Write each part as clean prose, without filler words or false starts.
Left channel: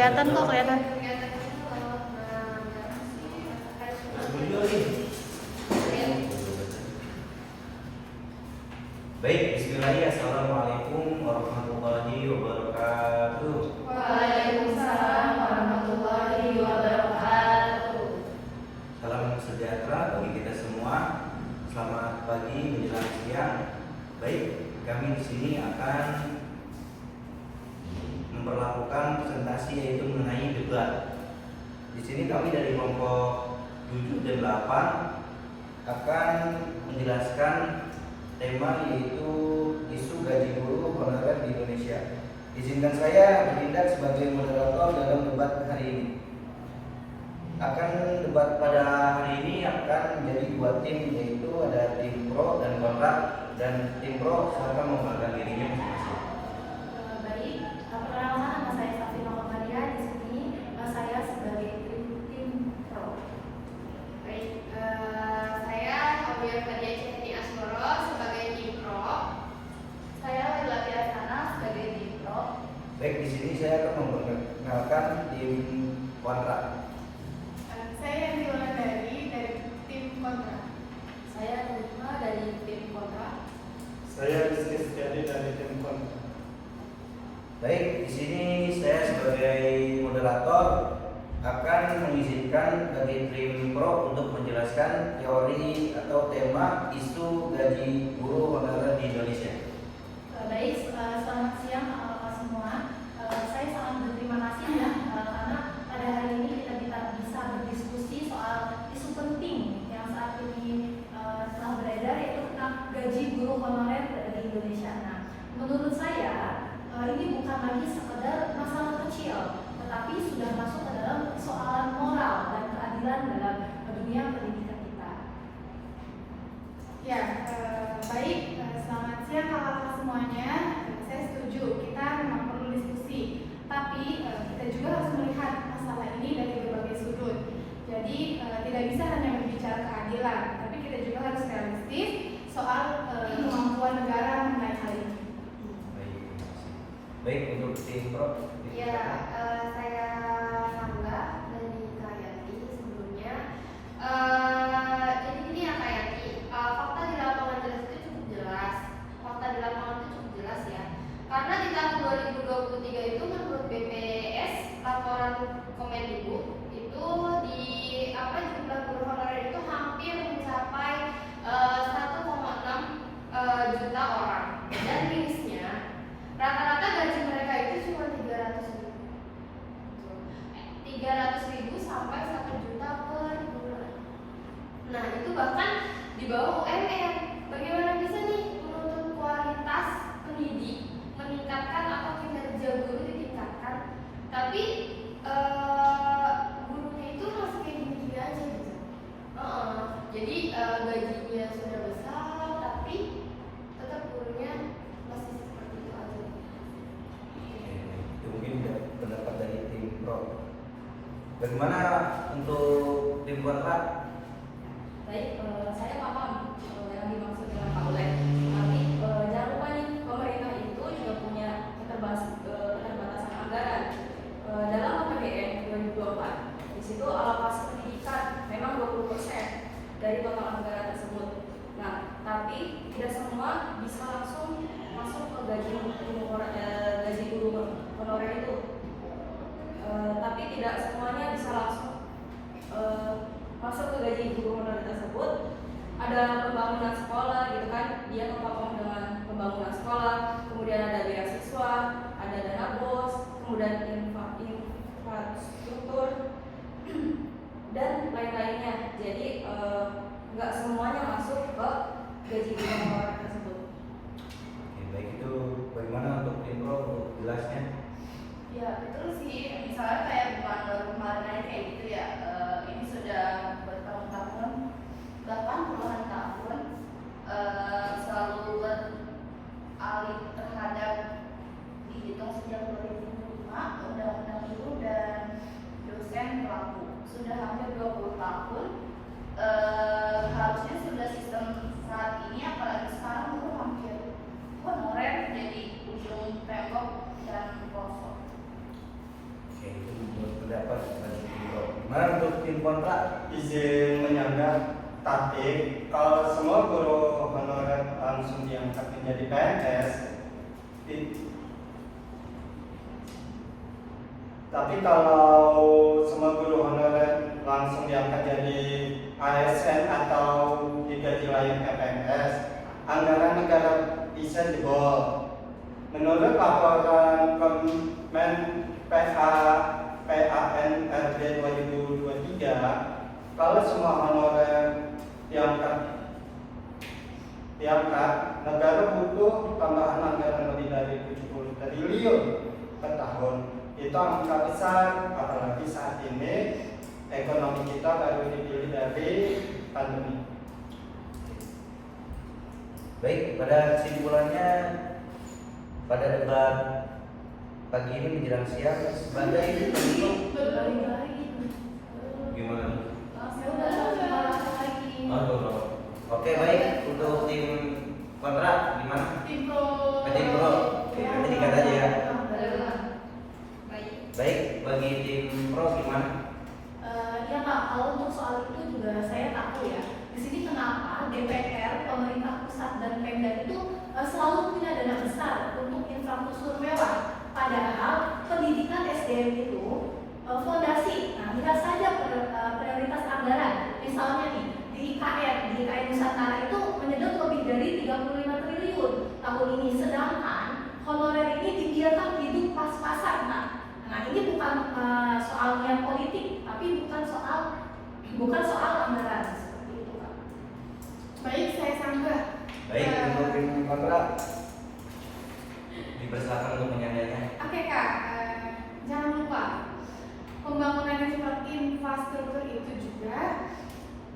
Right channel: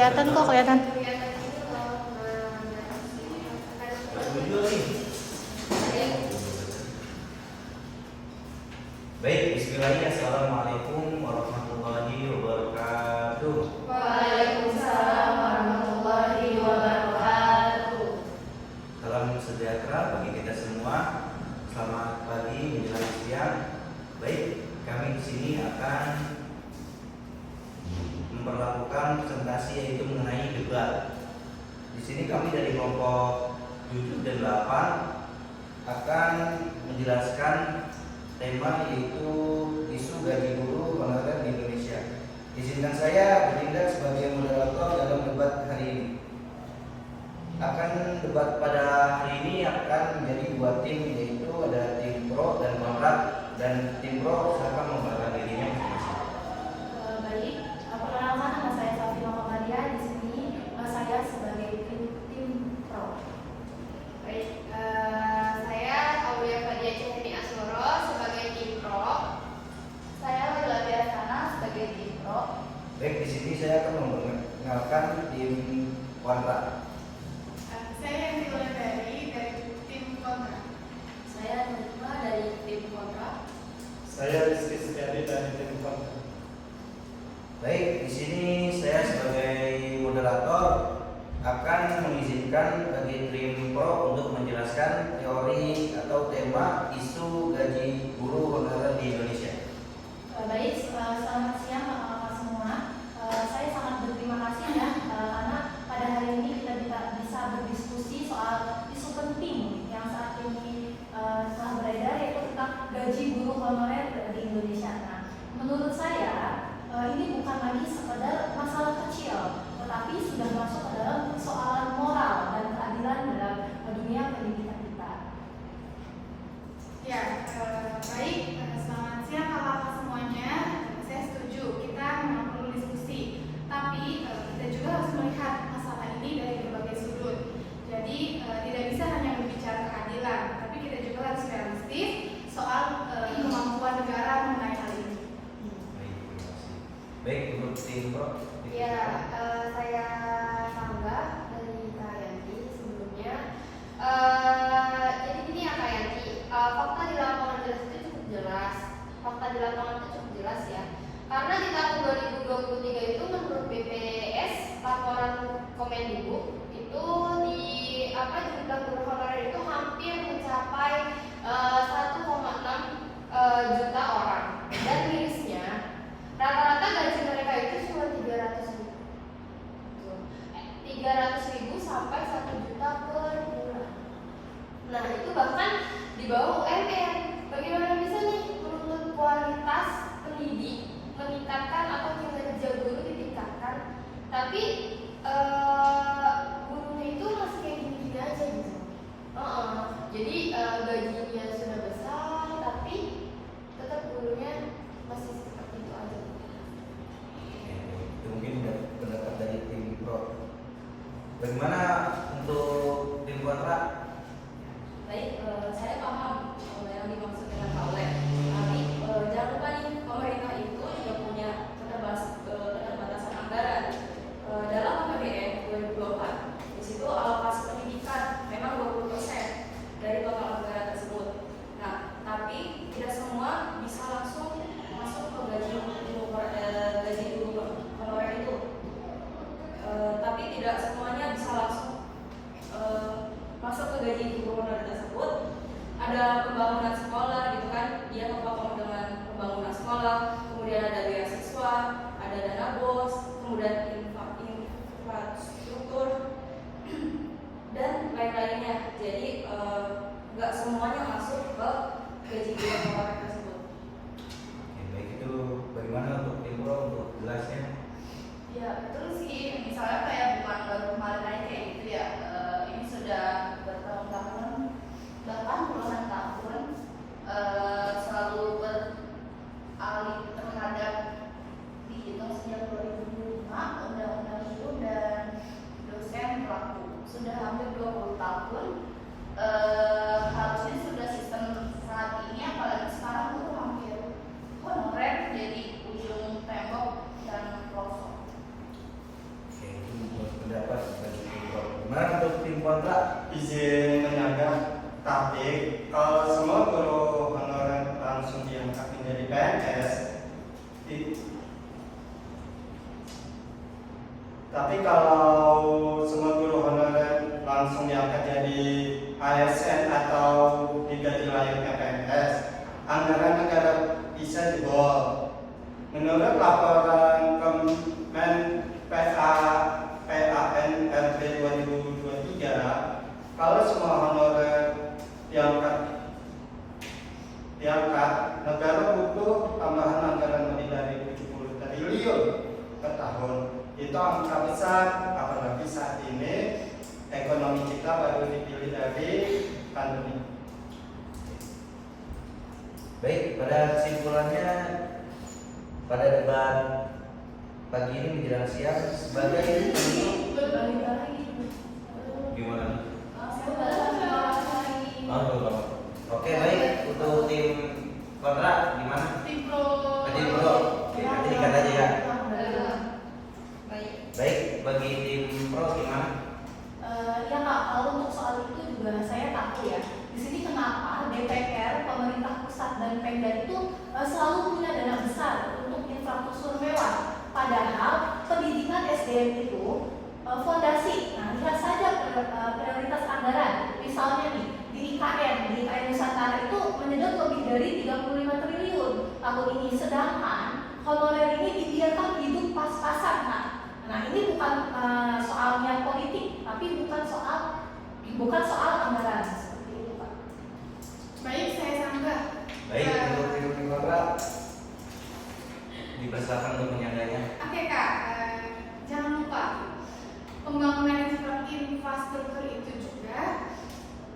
kelihatan kok, kelihatan. Baik, bismillahirrahmanirrahim. Assalamualaikum warahmatullahi wabarakatuh. Waalaikumsalam warahmatullahi wabarakatuh. Salam sejahtera bagi kita semua. Selamat pagi menjelang siang. Baik, kami di sini akan memperlakukan presentasi yaitu mengenai debat. Di sini kami dari kelompok 7 dan 8 akan menjelaskan tema yaitu isu gaji guru honorer di Indonesia. Izinkan saya bertindak sebagai moderator dalam debat hari ini. Debat pada hari ini akan menjadi dua tim, yaitu ada tim pro dan kontra, dan tim pro silakan memperkenalkan dirinya masing-masing. Baik, perkenalkan nama saya Safina Muhammadiyah. Di sini saya sebagai tim pro. Baik, saya Aulia Fadia Cahmi Asmoro sebagai tim pro. Saya Laila Piasana sebagai tim pro. Baik, di sini saya akan memperkenalkan tim kontra. Saya Nila dari tim kontra. Saya Nukma dari tim kontra. Saya Rizky Setiadi dari tim kontra. Baik, di sini saya sebagai moderator akan mengizinkan bagi tim pro untuk menjelaskan teori atau tema isu gaji guru honorer di Indonesia. Baik, selamat siang kakak-kakak semua. Saya sangat berterima kasih ya karena pada hari ini kita bisa berdiskusi soal isu penting yang saat ini telah beredar, yaitu tentang gaji guru honorer di Indonesia. Nah, menurut saya ini bukan lagi sekedar masalah kecil, tetapi sudah masuk ke dalam persoalan moral dan keadilan dalam dunia pendidikan kita. Ya, baik. Selamat siang kakak-kakak semuanya. Saya setuju, kita memang perlu diskusi. Tapi kita juga harus melihat masalah ini dari berbagai sudut. Jadi tidak bisa hanya berbicara keadilan, tapi kita juga harus realistis soal kemampuan negara mengenai hal ini. Baik, terima kasih. Baik, untuk tim pro. Ya, saya Sangga dari Kayanti sebelumnya. Jadi gini ya Kayanti, fakta di lapangan jelas itu cukup jelas. Fakta di lapangan itu cukup jelas ya. Karena di tahun 2023 itu menurut BPS laporan Kemendikbud itu di jumlah guru honorer itu hampir mencapai 1,6 juta orang. Dan mirisnya rata-rata gaji mereka itu cuma 300.000 sampai 1 juta per bulan. Nah, itu bahkan di bawah UMR. Bagaimana bisa nih menuntut kualitas pendidik, meningkatkan atau kinerja guru ditingkatkan, tapi gurunya itu masih kayak gini-gini aja gitu. Jadi gajinya sudah besar, tapi tetap gurunya masih seperti itu aja. Itu mungkin pendapat dari tim pro. Bagaimana untuk tim kontra? Baik, saya paham yang dimaksud dengan Pak Oleh. Tapi jangan lupa nih, pemerintah itu juga punya keterbatasan anggaran. Dalam APBN 2024, di situ alokasi pendidikan memang 20% dari total anggaran tersebut. Nah, tapi tidak semua bisa langsung masuk ke gaji guru honorer itu. Tapi tidak semuanya bisa langsung masuk ke gaji guru honorer tersebut. Ada pembangunan sekolah gitu kan, dia terpapar dengan pembangunan sekolah, kemudian ada beasiswa, ada dana BOS, kemudian infrastruktur dan lain-lainnya. Jadi nggak semuanya masuk ke gaji guru honorer tersebut. Oke, baik, itu bagaimana untuk tim pro untuk jelasnya? Ya betul sih, misalnya kayak bukan baru kemarin aja kayak gitu ya. Ini sudah bertahun-tahun, bahkan puluhan tahun selalu beralih terhadap dihitung sejak 2005 Undang-Undang Guru dan Dosen Pelaku. Sudah hampir 20 tahun. Harusnya sudah sistem saat ini, apalagi sekarang itu hampir honorer jadi ujung tembok dan pelafon. Oke, itu tim kontrak. Izin menyanggah, tapi kalau semua guru honorer langsung diangkat menjadi PNS, tapi kalau semua guru honorer langsung diangkat jadi ASN atau digaji layak PNS, anggaran negara bisa jebol. Menurut laporan Kemen PANRB 2023, kalau semua honorer diangkat, negara butuh tambahan anggaran lebih dari 70 triliun per tahun. Itu angka besar, apalagi saat ini ekonomi kita baru dipilih dari pandemi. Baik, pada kesimpulannya pada debat pagi ini menjelang siang sebagai penutup gimana? Oke, baik, untuk tim kontrak gimana? Tim pro. Tim pro. Oke, nanti dikat aja ya. Baik. Baik, bagi tim pro gimana? Ya Kak, kalau untuk soal itu juga saya tahu ya. Di sini kenapa DPR, pemerintah pusat dan Pemda itu selalu punya dana besar untuk infrastruktur mewah. Padahal pendidikan SDM itu fondasi. Nah, lihat saja prioritas anggaran. Misalnya nih, di IKN Nusantara itu menyedot lebih dari 35 triliun tahun ini. Sedangkan honorer ini dibiarkan hidup pas-pasan. Nah, ini bukan soalnya politik, tapi bukan soal anggaran seperti itu, Pak. Baik, saya sanggah. Baik, untuk tim kontrak dipersilakan untuk menyanggahnya. Oke Kak, jangan lupa pembangunan infrastruktur itu juga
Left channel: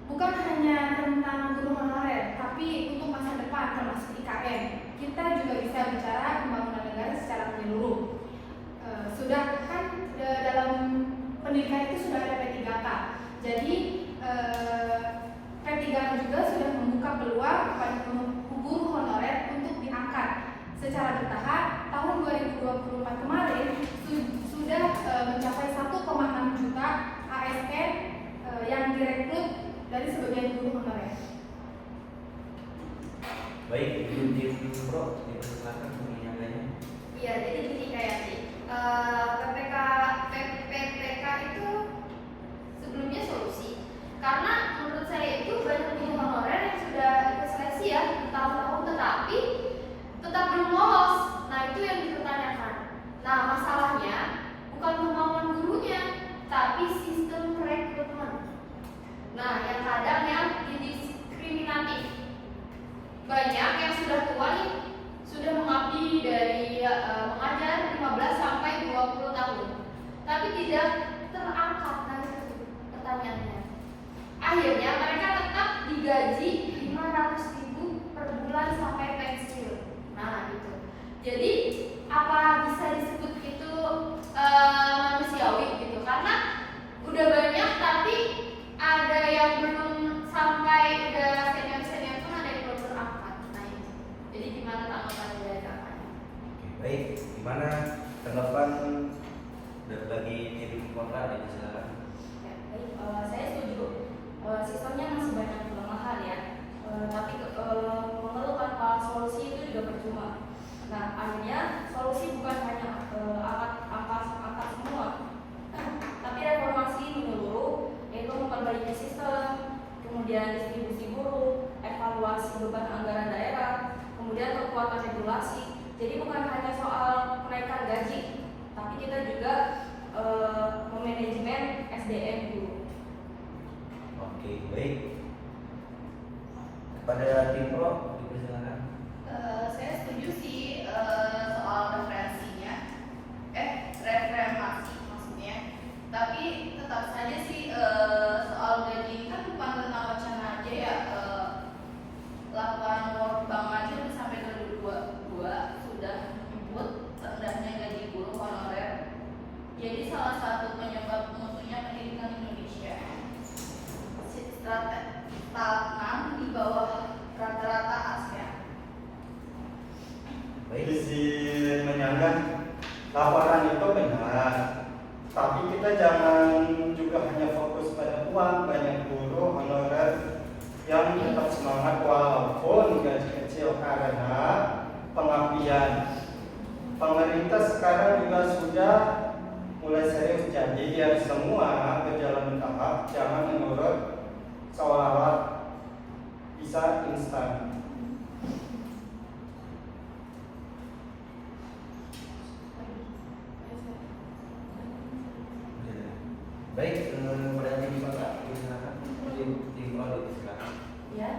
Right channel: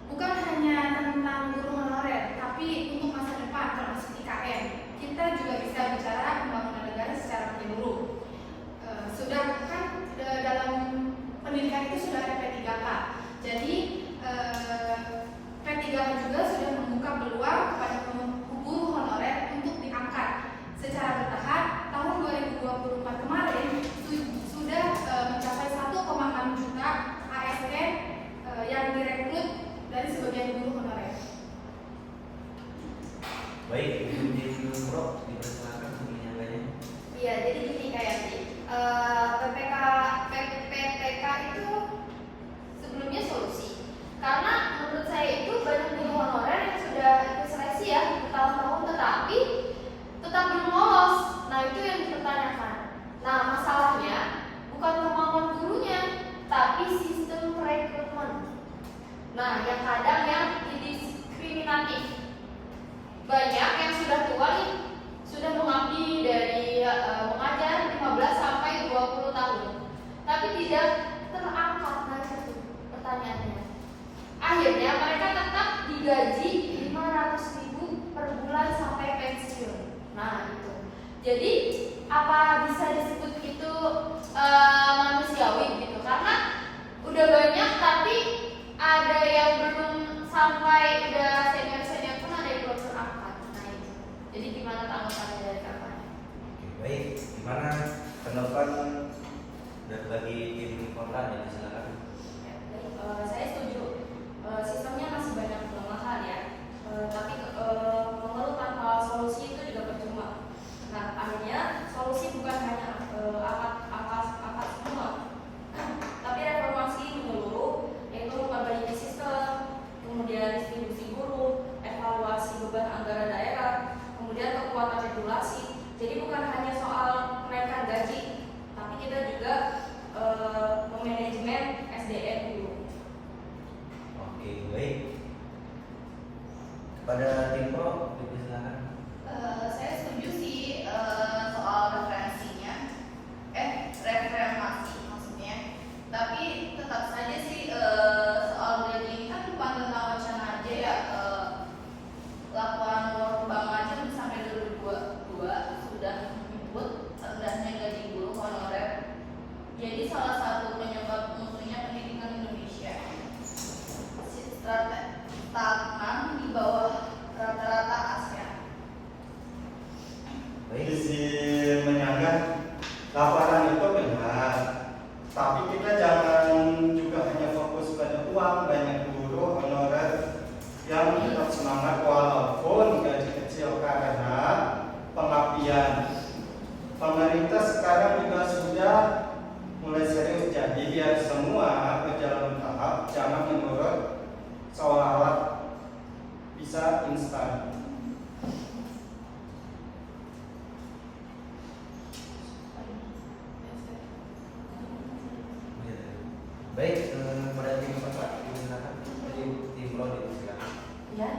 bukan hanya tentang guru honorer, tapi untuk masa depan termasuk IKN. Kita juga bisa bicara pembangunan negara secara menyeluruh. Sudah kan dalam pendidikan itu sudah ada P3K. Jadi P3K juga sudah membuka peluang kepada guru honorer untuk diangkat secara bertahap. Tahun 2024 kemarin sudah mencapai 1,6 juta ASN yang direkrut dari sebagian guru honorer. Baik, untuk tim pro dipersilakan untuk menyanggahnya. Iya, jadi gini kayak PPK itu sebelumnya solusi. Karena menurut saya itu banyak guru honorer yang sudah ikut seleksi ya bertahun-tahun tetapi tetap belum lolos. Nah, itu yang dipertanyakan. Nah, masalahnya bukan kemauan gurunya, tapi sistem rekrutmen. Nah, yang kadang yang diskriminatif. Banyak yang sudah tua nih, sudah mengabdi dari mengajar 15 sampai 20 tahun, tapi tidak terangkat. Nah, itu pertanyaannya. Akhirnya mereka tetap digaji 500.000 per bulan sampai pensiun. Nah, itu. Jadi apa bisa disebut itu manusiawi gitu? Karena udah banyak tapi ada yang belum sampai udah senior pun ada yang belum terangkat. Nah, itu. Jadi gimana tanggapan dari kakak? Oke, baik. Gimana tanggapan bagi tim kontra? Silakan. Ya, baik. Saya setuju. Sistemnya masih banyak kelemahan ya. Tapi mengeluh tanpa solusi itu juga percuma. Nah, akhirnya solusi bukan hanya angkat semua, tapi reformasi menyeluruh, yaitu memperbaiki sistem, kemudian distribusi guru, evaluasi beban anggaran daerah, kemudian kekuatan regulasi. Jadi bukan hanya soal kenaikan gaji, tapi kita juga memanajemen SDM dulu. Oke, baik. Kepada tim pro dipersilakan. Saya setuju sih soal reformasi maksudnya. Tapi tetap saja sih soal gaji ini kan bukan tentang wacana aja ya. Laporan World Bank aja sampai 2022 sudah menyebut rendahnya gaji guru honorer. Jadi salah satu penyebab munculnya pendidikan Indonesia stagnan di bawah rata-rata ASEAN. Baik. Izin menyanggah, laporan itu benar, tapi kita jangan juga hanya fokus pada peluang banyak guru honorer yang tetap semangat walaupun gaji kecil karena pengabdian. Pemerintah sekarang juga sudah mulai serius, jadi biar semua berjalan tahap, jangan menurut seolah-olah bisa instan. Baik, kepada tim Pak, silakan. Tim Pro silakan. Ya,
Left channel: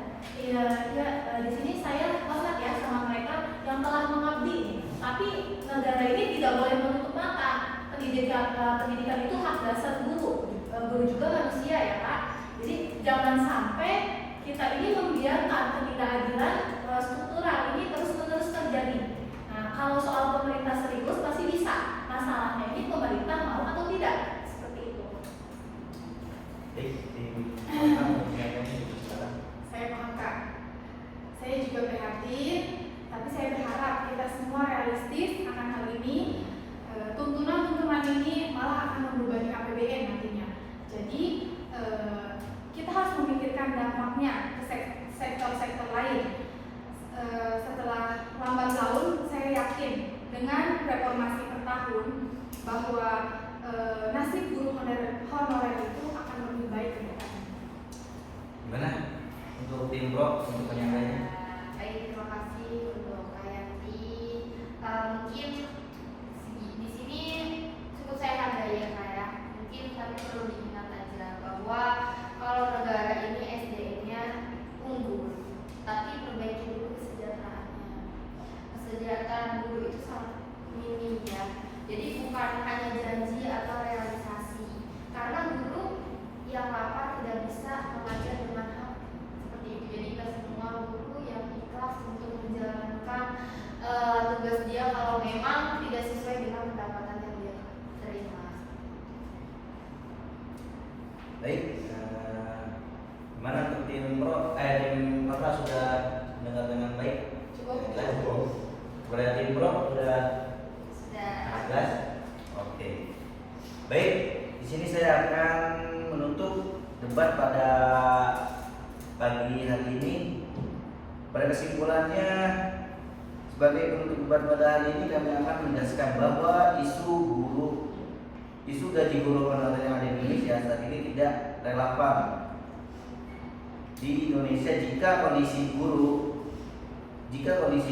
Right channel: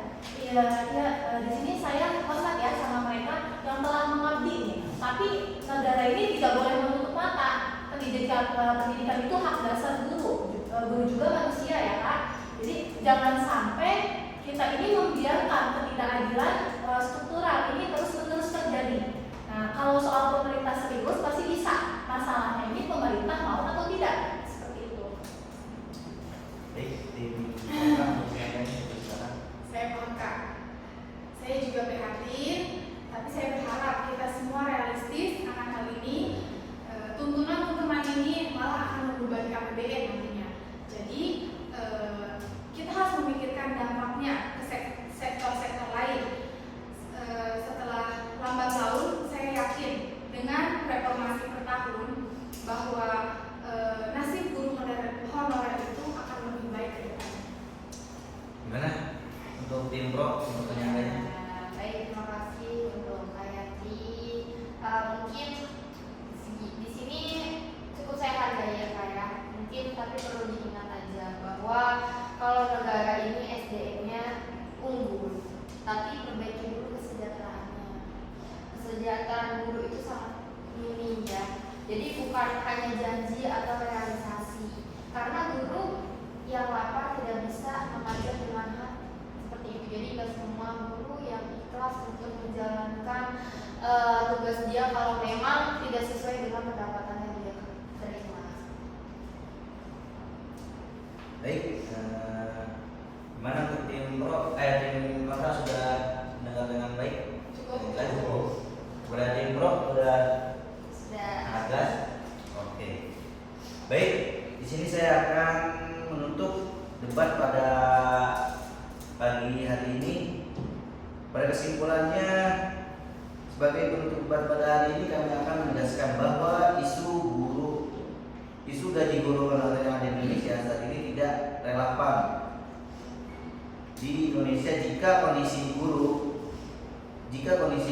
di sini saya kontak ya sama mereka yang telah mengabdi. Tapi negara ini tidak boleh menutup mata. Pendidikan itu hak dasar guru. Guru juga manusia ya Kak. Jadi jangan sampai kita ini membiarkan ketidakadilan struktural ini terus-menerus terjadi. Nah, kalau soal pemerintah serius pasti bisa. Masalahnya ini pemerintah mau atau tidak. Seperti itu. Baik, tim silakan. Saya paham Kak. Saya juga prihatin, tapi saya berharap kita semua realistis akan hal ini. Tuntunan-tuntunan ini malah akan membebani APBN nantinya. Jadi kita harus memikirkan dampaknya ke sektor-sektor lain. Setelah lambat laun, saya yakin dengan reformasi per tahun bahwa nasib guru honorer itu akan lebih baik ke depannya. Gimana untuk tim Pro untuk penyampaiannya? Baik, terima kasih untuk Kak Yanti. Mungkin di sini cukup saya hargai ya Kak ya. Mungkin tapi perlu diingat aja bahwa kalau negara ini SDM-nya unggul, tapi perbaiki dulu kesejahteraannya. Kesejahteraan guru itu sangat minim ya. Jadi bukan hanya janji atau realisasi. Karena guru yang lapar tidak bisa mengajar dengan hak seperti itu. Jadi tidak semua guru yang ikhlas untuk menjalankan tugas dia kalau memang tidak sesuai dengan pendapatan yang dia terima. Baik, gimana untuk tim Pro? Tim Pro sudah mendengar dengan baik? Cukup. Kepada tim Pro sudah Sudah. sangat jelas. Oke. Baik, di sini saya akan menutup debat pada pagi hari ini. Pada kesimpulannya, sebagai penutup debat pada hari ini kami akan menegaskan bahwa isu gaji guru honorer yang ada di Indonesia saat ini tidak relevan di Indonesia jika kondisi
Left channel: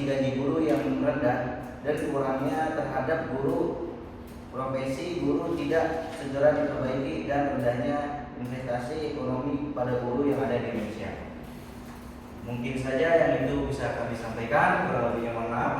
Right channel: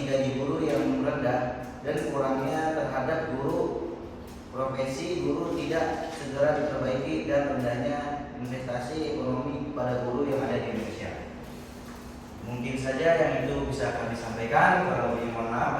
gaji guru yang rendah dan kurangnya terhadap guru profesi guru tidak segera diperbaiki dan rendahnya investasi ekonomi pada guru yang ada di Indonesia. Mungkin saja yang itu bisa kami sampaikan, kalau lebihnya mohon maaf.